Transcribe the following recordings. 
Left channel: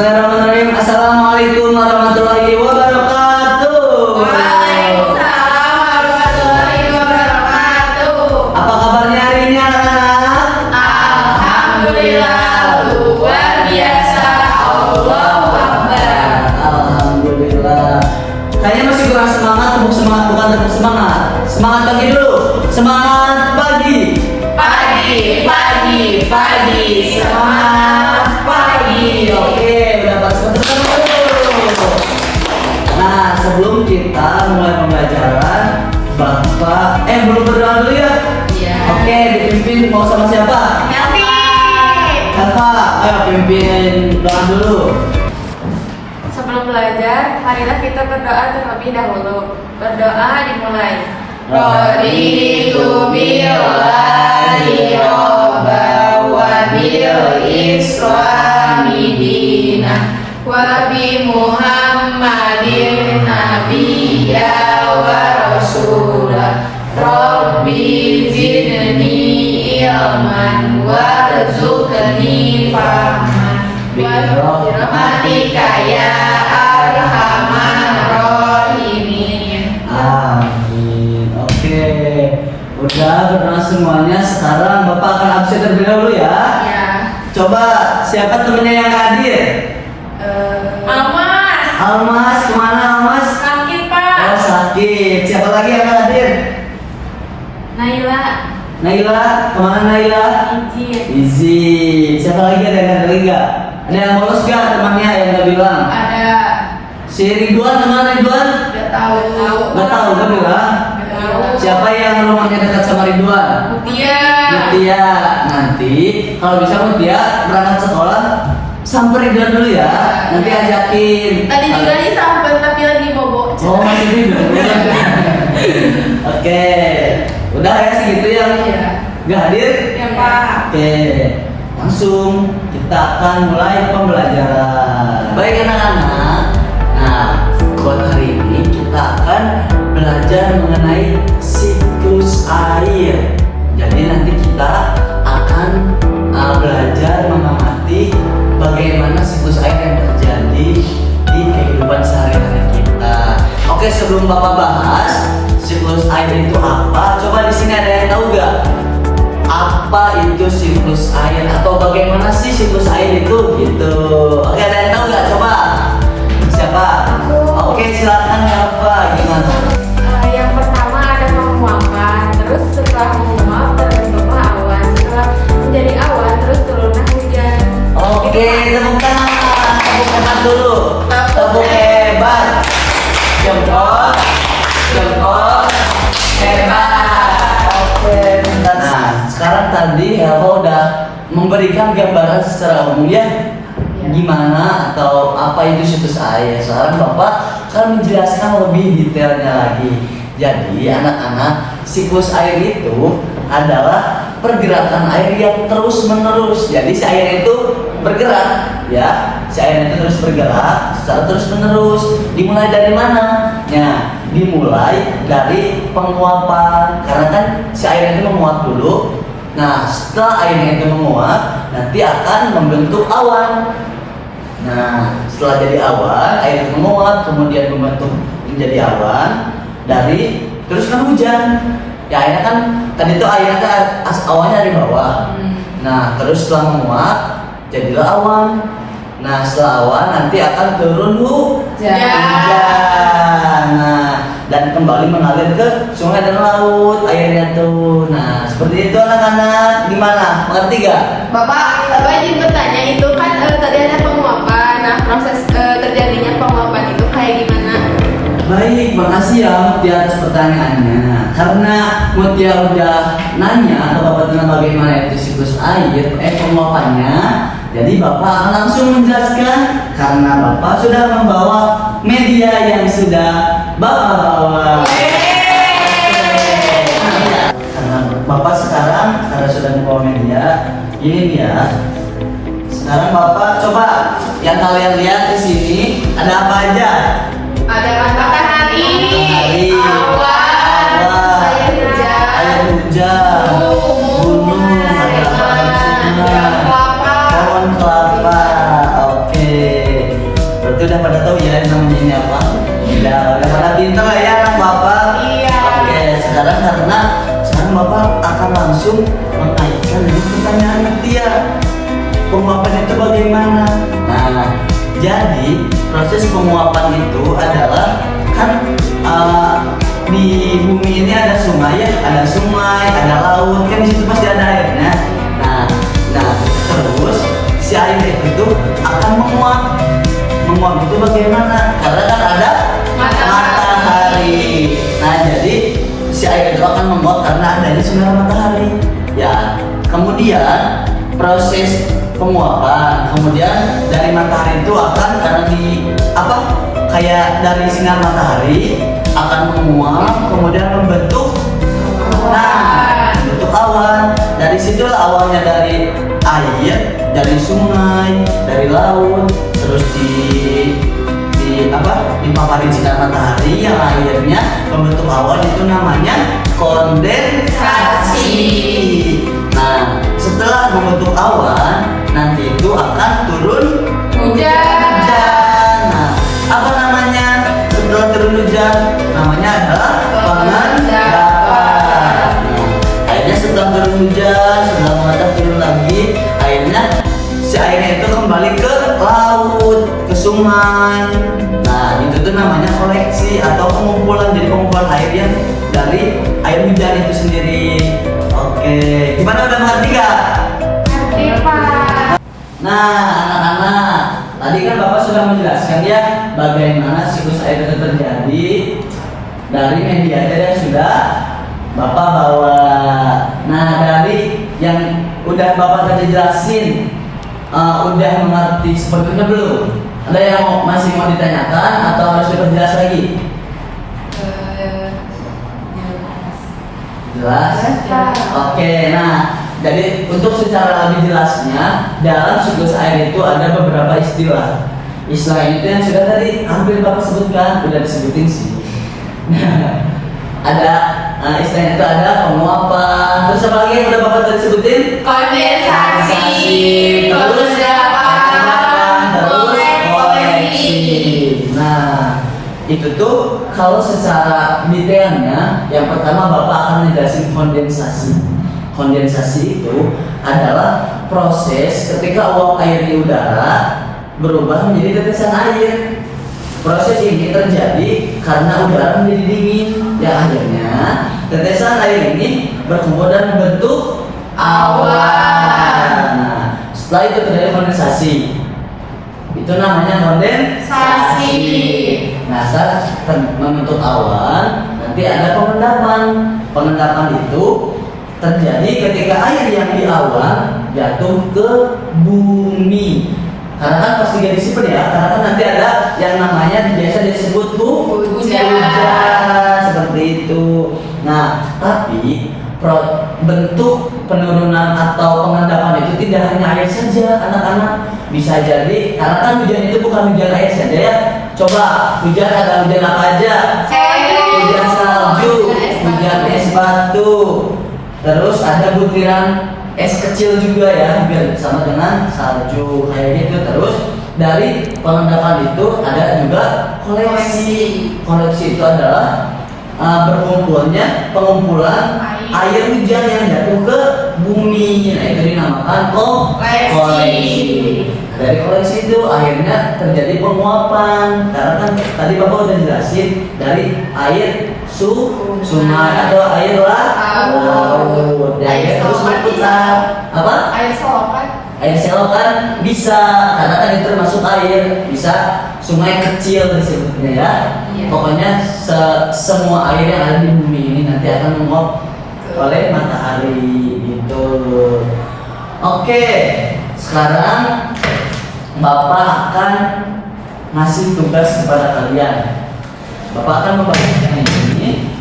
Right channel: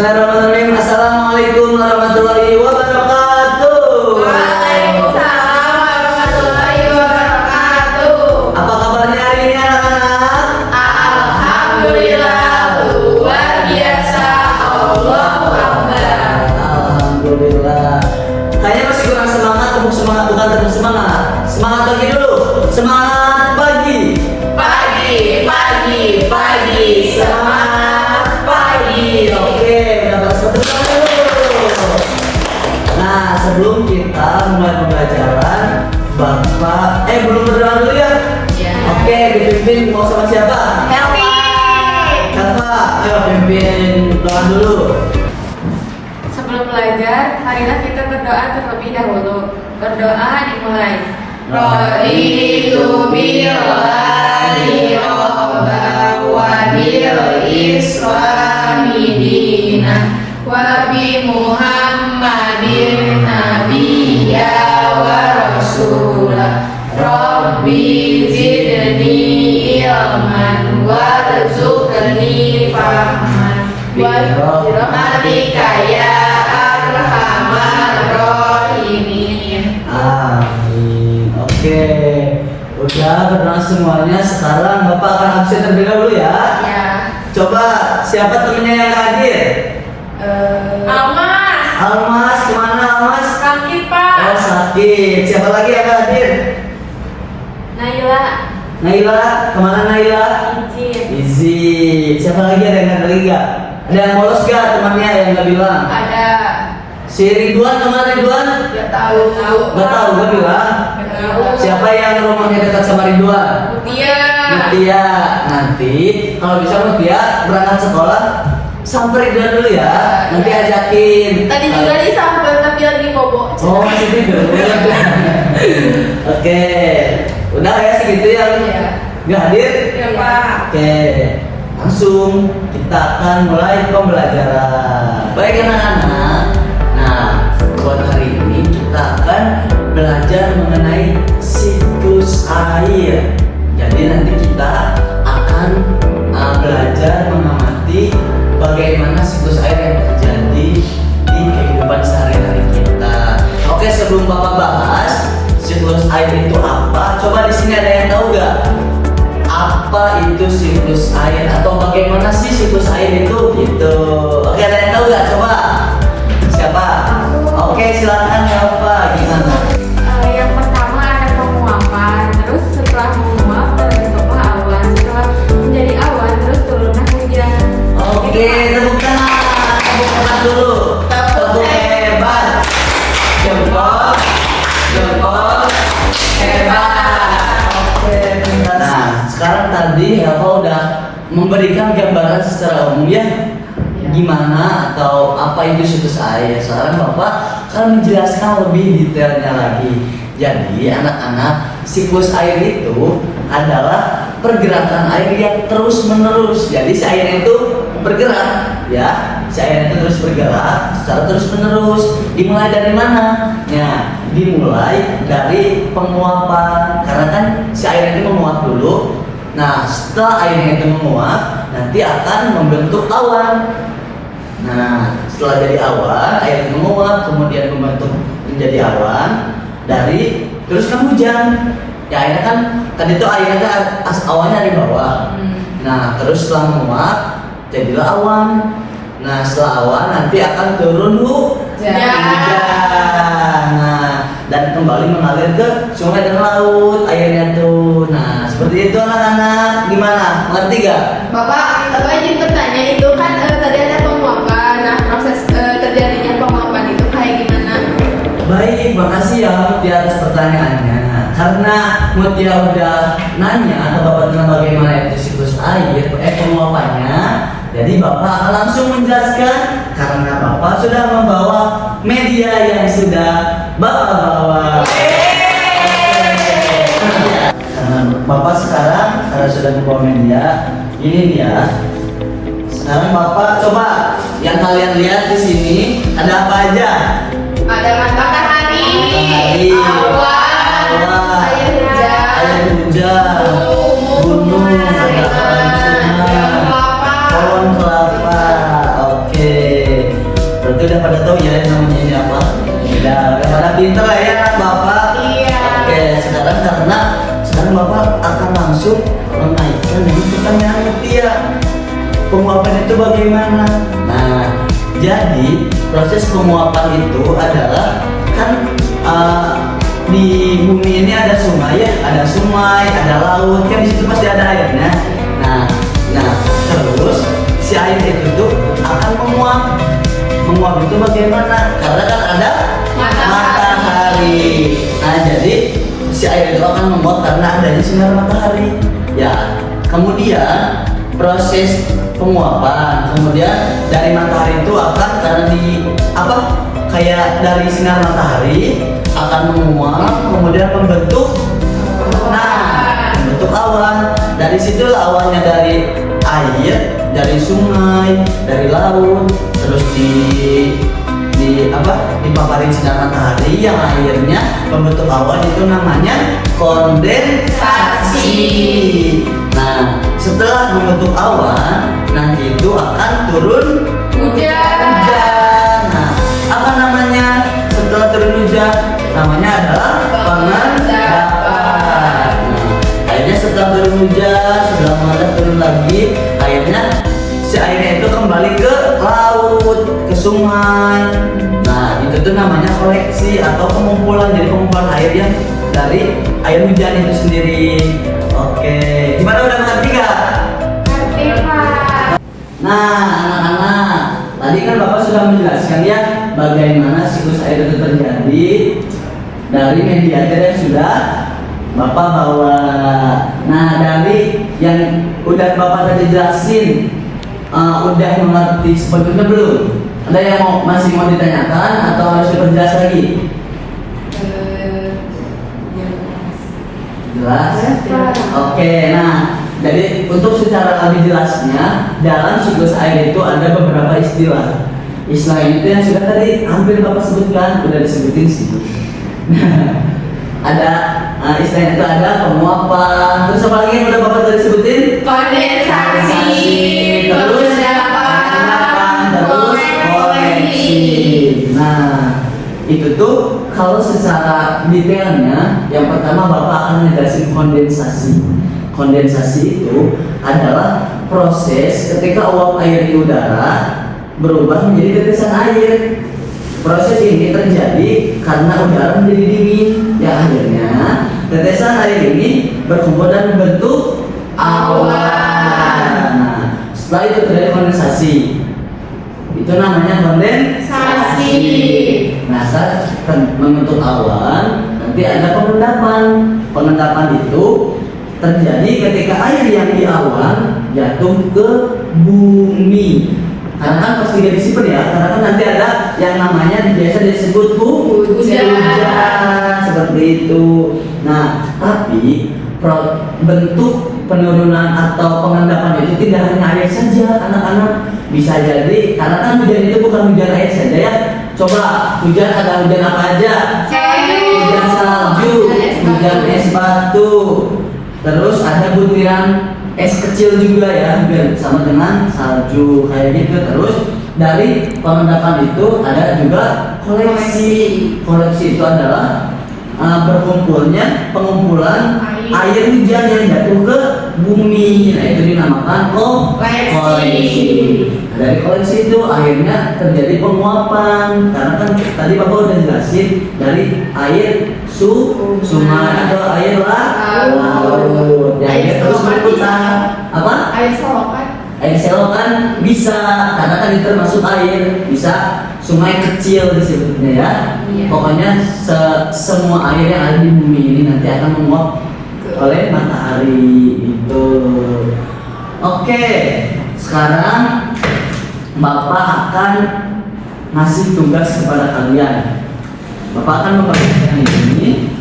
Bismillahirrahmanirrahim. Assalamualaikum warahmatullahi wabarakatuh. Waalaikumsalam warahmatullahi wabarakatuh. Apa kabarnya hari ini anak-anak? Alhamdulillah luar biasa. Allahu Akbar. Alhamdulillah. Kayaknya masih kurang semangat, tepuk semangat bukan tepuk semangat. Semangat pagi dulu. Semangat pagi. Pagi, pagi, pagi. Semangat pagi. Oke, mendapat satu dulu. Nah, sebelum kita mulai pembelajaran, Bapak belum berdoa dulu ya? Iya. Oke, dipimpin mau sama siapa? Happy. Kakak, ayo pimpin doa dulu. Sebelum belajar, marilah kita berdoa terlebih dahulu. Berdoa dimulai. Raditu billahi robba wa bil islami dina wa bi Muhammadin nabiyya wa rasulah. Rabbi zidni ilman warzuqni fahman wa rahmatika ya arhamar rahimin. Amin. Oke, udah berdoa semuanya. Sekarang Bapak akan absen terlebih dahulu ya. Ya. Coba siapa temennya yang hadir? Almas. Almas, kemana Almas? Sakit Oh, Pak. sakit. Siapa lagi yang hadir? Naila. Naila, kemana Naila? Izin. Izin. Siapa lagi ada yang hadir nggak? Ada yang bolos nggak temannya yang nggak bilang? Ada. Si Ridwan, kemana Ridwan? Gak tahu. Nggak tahu, nggak bilang. Gak tahu. Siapa yang nomornya dekat sama Ridwan? Mutia. Mutia. Nanti kalau bisa Mutia berangkat sekolah samperin Ridwan dulu ya. Nanti ajakin. Tadi juga disamper tapi lagi bobo. Oh, masih tidur. Oke. Udah ya segitu ya. Iya. Nggak hadir? Ya Pak. Oke. Langsung kita akan mulai pembelajaran. Baik anak-anak. Nah, buat hari ini kita akan belajar mengenai siklus air. Jadi nanti kita akan belajar mengamati bagaimana siklus air yang terjadi di kehidupan sehari-hari kita. Oke, sebelum Bapak bahas siklus air itu apa, coba di sini ada yang tahu nggak? Apa itu siklus air atau bagaimana sih siklus air itu gitu? Oke, ada yang tahu nggak? Coba siapa? Oke, silakan Alfa, gimana? Yang pertama ada penguapan, terus setelah menguap terbentuklah awan, setelah menjadi awan terus turunlah hujan. Oke, tepuk tangan dulu. Tepuk hebat. Jempol, jempol, hebat. Oke, nah sekarang tadi Alfa udah memberikan gambaran secara umum ya. Gimana atau apa itu siklus air. Sekarang Bapak akan menjelaskan lebih detailnya lagi. Jadi anak-anak, siklus air itu adalah pergerakan air yang terus menerus. Jadi si air itu bergerak ya, si air itu terus bergerak secara terus menerus. Dimulai dari mana? Nah, dimulai dari penguapan. Karena kan si air ini menguap dulu. Nah, setelah airnya itu menguap, nanti akan membentuk awan. Nah, setelah jadi awan, air itu menguap, kemudian membentuk menjadi awan. Dari terus kan hujan. Ya akhirnya kan tadi itu airnya kan awannya di bawah. Nah, terus setelah menguap, jadilah awan. Nah, setelah awan nanti akan turun hujan. Nah, dan kembali mengalir ke sungai dan laut airnya tuh. Nah, seperti itu anak-anak. Gimana? Mengerti gak? Bapak izin bertanya, itu kan tadi ada penguapan. Nah, proses terjadinya penguapan itu kayak gimana? Baik, makasih ya di atas pertanyaannya. Karena Mutia udah nanya atau Bapak tanya bagaimana itu siklus air, penguapannya. Jadi Bapak akan langsung menjelaskan karena Bapak sudah membawa media yang sudah Bapak bawa. Karena Bapak sekarang sudah membawa media, ini dia. Sekarang Bapak coba yang kalian lihat di sini ada apa aja? Ada matahari, Awan, air hujan, gunung, ada sungai, pohon kelapa. Oke. tahu ya namanya ini apa. Udah pada pinter lah ya anak bapak. Iya. Oke, sekarang sekarang bapak akan langsung mengaitkan dari pertanyaan Tia. Penguapan itu bagaimana? Nah, jadi proses penguapan itu adalah kan di bumi ini ada sungai, ada laut, kan di situ pasti ada airnya. Nah, terus si air itu tuh akan menguap. Menguap itu bagaimana? Karena kan ada matahari. Nah, jadi si air itu akan menguap karena adanya sinar matahari. Ya, kemudian proses penguapan, kemudian dari matahari itu akan karena kayak dari sinar matahari akan menguap, kemudian membentuk awan. Dari situlah awannya dari air, dari sungai, dari laut, terus dipaparin sinar matahari yang akhirnya membentuk awan, itu namanya kondensasi. Nah, setelah membentuk awan, nanti itu akan turun Hujan. Nah, apa namanya setelah turun hujan? Namanya adalah pengendapan. Akhirnya setelah turun hujan, setelah mendadak turun lagi, akhirnya si airnya itu kembali ke laut, ke sungai. Nah, itu tuh namanya koleksi atau pengumpulan. Jadi pengumpulan air yang dari air hujan itu sendiri. Oke, gimana, udah mengerti gak? Ngerti, Pak. Nah, anak-anak, tadi kan Bapak sudah menjelaskan ya bagaimana siklus air itu terjadi dari mediator yang sudah Bapak bawa. Nah, dari yang udah Bapak tadi jelasin, udah mengerti sebetulnya belum? Ada yang masih mau ditanyakan atau harus diperjelas lagi? Jelas? Oke, nah jadi untuk secara lebih jelasnya dalam siklus air itu ada beberapa istilah. Istilah itu yang sudah tadi hampir Bapak sebutkan, udah disebutin sih. Ada istilahnya itu ada penguapan, terus apa lagi yang udah Bapak tadi sebutin? Kondensasi, terus pengendapan, terus koleksi. Nah, itu tuh kalau secara detailnya, yang pertama Bapak akan menjelaskan kondensasi. Kondensasi itu adalah proses ketika uap air di udara berubah menjadi tetesan air. Proses ini terjadi karena udara menjadi dingin, yang akhirnya tetesan air ini berkumpul dan membentuk awan. Nah, setelah itu terjadi kondensasi. Itu namanya kondensasi. Nah, saat membentuk awan, nanti ada pengendapan. Pengendapan itu terjadi ketika air yang di awan jatuh ke bumi. Karena kan pasti gak disimpan ya, karena kan nanti ada yang namanya biasa disebut hujan, seperti itu. Nah, tapi bentuk penurunan atau pengendapan itu tidak hanya air saja, anak-anak. Bisa jadi, karena kan hujan itu bukan hujan air saja ya. Coba hujan, ada hujan apa aja? Hujan salju, hujan es batu, terus ada butiran es kecil juga ya, hampir sama dengan salju kayak gitu. Terus dari pengendapan itu ada juga koleksi. Koleksi itu adalah berkumpulnya pengumpulan air hujan yang jatuh ke bumi. Nah, itu dinamakan koleksi. Dari koleksi itu akhirnya terjadi penguapan, karena kan tadi Bapak udah jelasin dari air sungai atau air laut. Air terus berputar. Apa? Air selokan. Air selokan bisa, karena kan itu termasuk air. Bisa sungai kecil disebutnya ya. Iya. Pokoknya semua air yang ada di bumi ini nanti akan menguap oleh matahari itu. Oke, sekarang Bapak akan ngasih tugas kepada kalian. Bapak akan membagikan ini.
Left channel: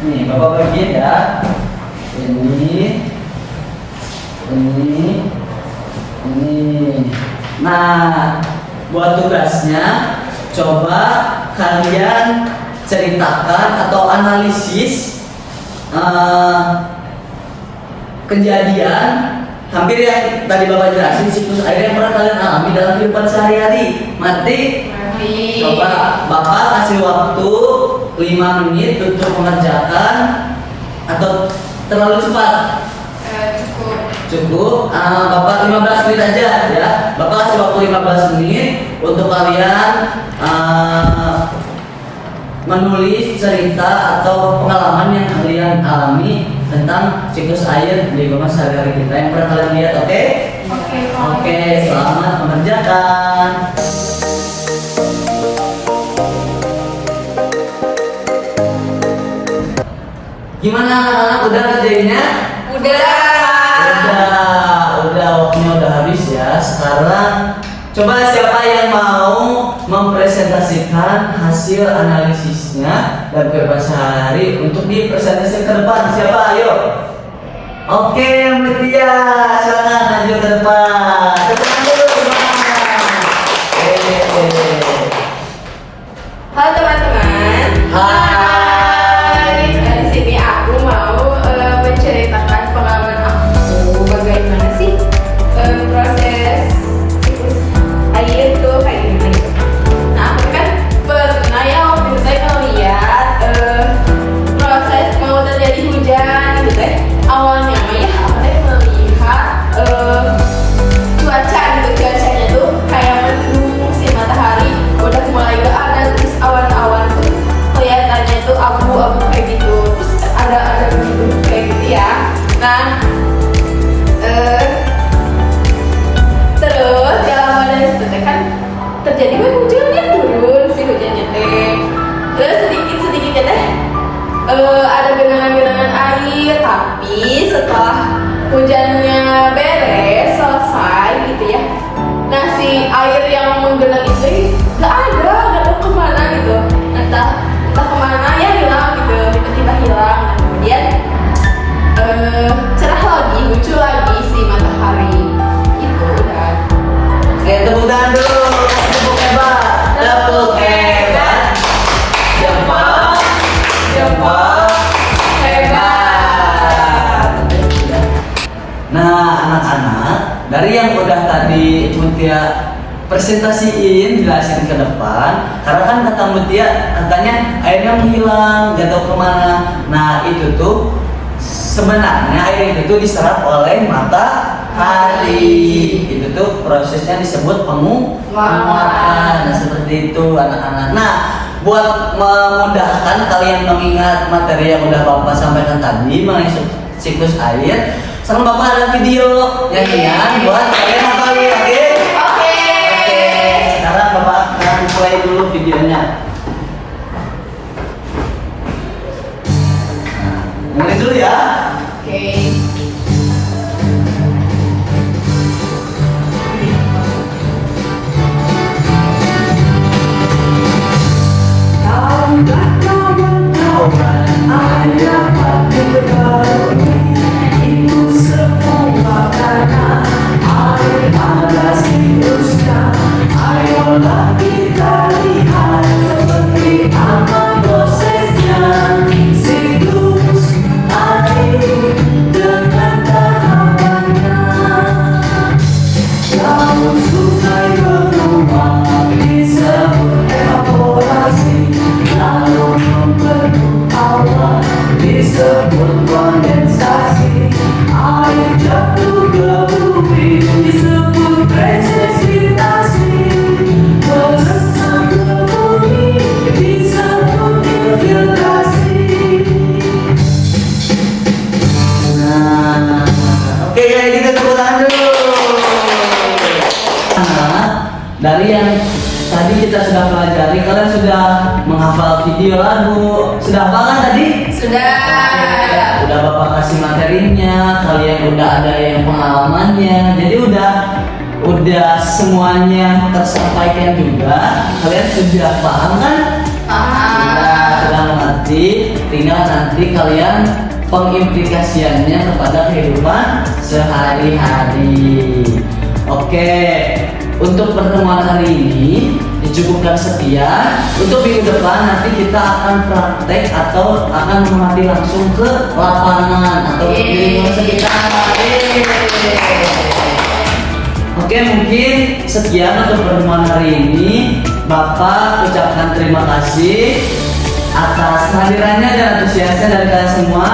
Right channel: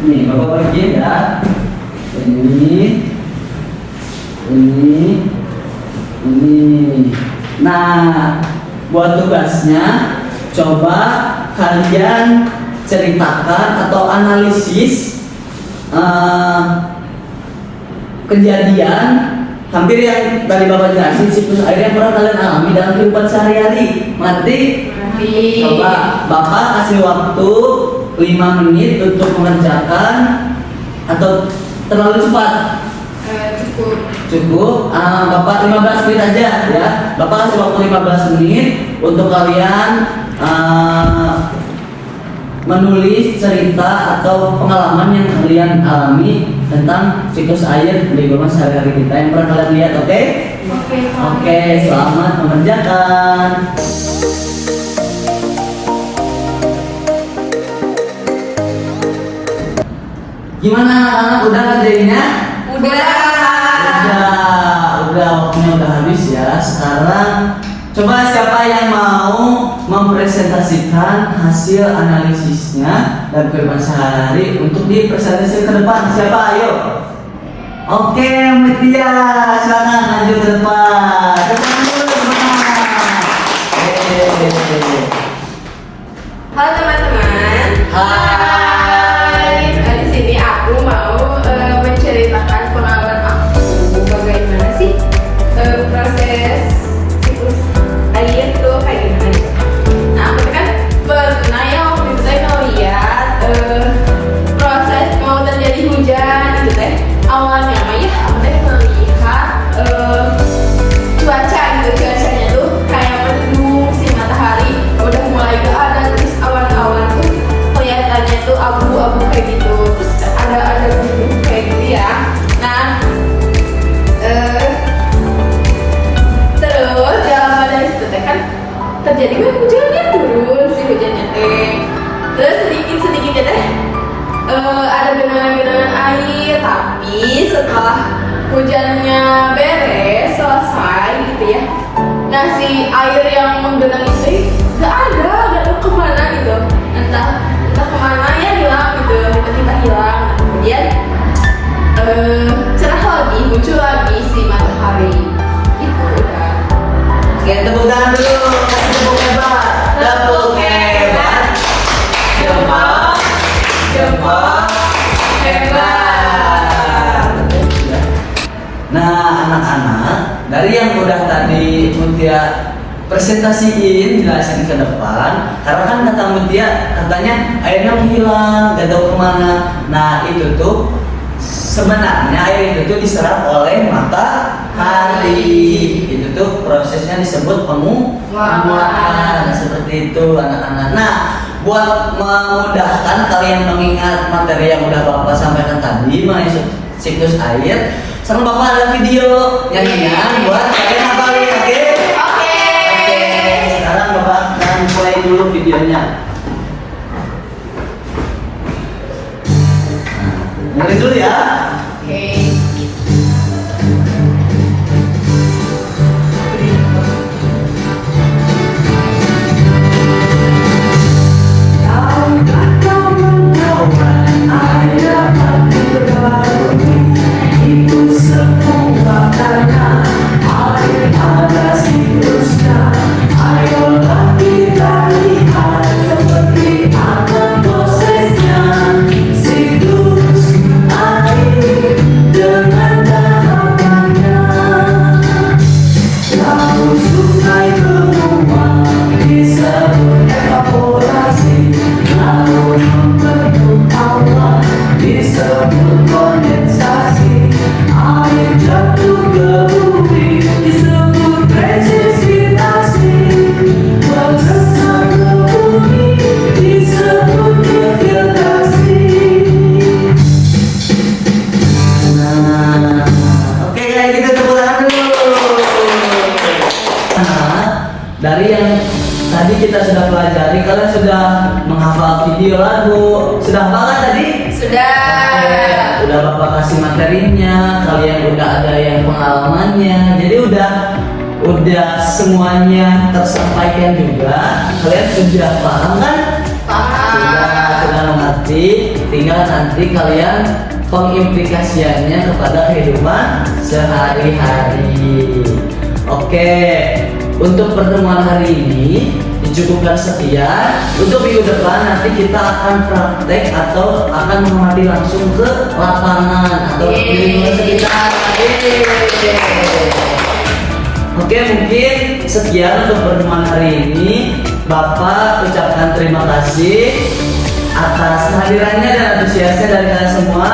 Nih, Bapak bagi ya. Ini. Nah, buat tugasnya coba kalian ceritakan atau analisis kejadian hampir yang tadi Bapak jelasin siklus air yang pernah kalian alami dalam kehidupan sehari-hari. Mati. Coba Bapak kasih waktu 5 menit untuk mengerjakan atau terlalu cepat? Cukup. Bapak 15 menit aja ya. Bapak kasih waktu 15 menit untuk kalian menulis cerita atau pengalaman yang kalian alami tentang siklus air di kehidupan sehari-hari kita yang pernah kalian lihat. Oke? Oke, selamat mengerjakan. Gimana anak udah ngerjainnya? Udah waktunya udah habis ya. Sekarang coba siapa yang mau mempresentasikan hasil analisisnya dan kehidupan sehari untuk dipresentasikan ke depan? Siapa? Ayo. Oke, Mutia, silakan lanjut ke depan. Tepuk tangan dulu, teman-teman. Halo teman-teman. Hai. Di sini aku mau menceritakan pengalaman aku bagaimana sih proses siklus air itu kayak gimana gitu. Nah, aku kan pernah ya waktu itu saya ngeliat proses mau terjadi hujan gitu kan. Awalnya mah ya aku teh melihat cuaca gitu, cuacanya tuh kayak mendung, si matahari udah mulai gak ada, terus awan-awan tuh kelihatannya tuh abu-abu kayak gitu, terus ada gitu kayak gitu ya. Nah terus dalam pada itu teh kan terjadi hujannya, turun si hujannya teh, terus sedikit-sedikitnya teh ada genangan-genangan air, tapi setelah hujannya beres selesai gitu ya, nah si air yang menggenang itu gak tahu kemana gitu, entah kemana ya, hilang gitu, tiba-tiba hilang. Kemudian cerah lagi, muncul lagi si matahari itu udah. Oke, tepuk tangan dulu. Kasih tepuk hebat. Tepuk hebat. Jempol. Jempol. Hebat. Nah, anak-anak, dari yang udah tadi Mutia presentasiin, jelasin ke depan, karena kan kata Mutia katanya airnya menghilang, gak tahu kemana. Nah, itu tuh sebenarnya air itu tuh diserap oleh matahari. Itu tuh prosesnya disebut penguapan. Nah, seperti itu anak-anak. Nah, buat memudahkan kalian mengingat materi yang udah Bapak sampaikan tadi mengenai siklus air, sekarang Bapak ada video yang ringan buat kalian hafalin. Oke, sekarang Bapak akan mulai dulu videonya. Mulai dulu ya. Dari yang tadi kita sudah pelajari, kalian sudah menghafal video lagu. Sudah hafal kan tadi? Sudah. Udah Bapak kasih materinya, kalian udah ada yang pengalamannya. Jadi udah semuanya tersampaikan juga. Kalian sudah paham kan? Paham. Sudah mengerti. Tinggal nanti kalian pengimplikasiannya kepada kehidupan sehari-hari. Oke. Untuk pertemuan hari ini dicukupkan sekian. Untuk minggu depan nanti kita akan praktek atau akan mengamati langsung ke lapangan atau di lingkungan sekitar. Oke, mungkin sekian untuk pertemuan hari ini. Bapak ucapkan terima kasih atas kehadirannya dan antusiasnya dari kalian semua.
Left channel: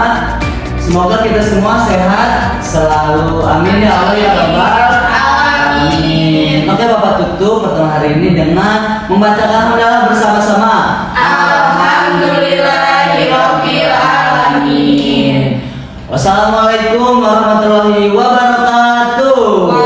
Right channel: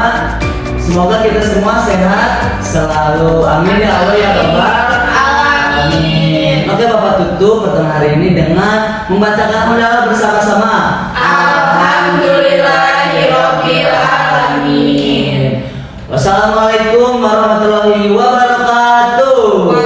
Semoga kita semua sehat selalu. Amin ya Allah ya Rabbal Alamin. Oke, Bapak tutup pertemuan hari ini dengan membacakan hamdalah bersama-sama. Alhamdulillahirabbil alamin. Wassalamualaikum warahmatullahi wabarakatuh.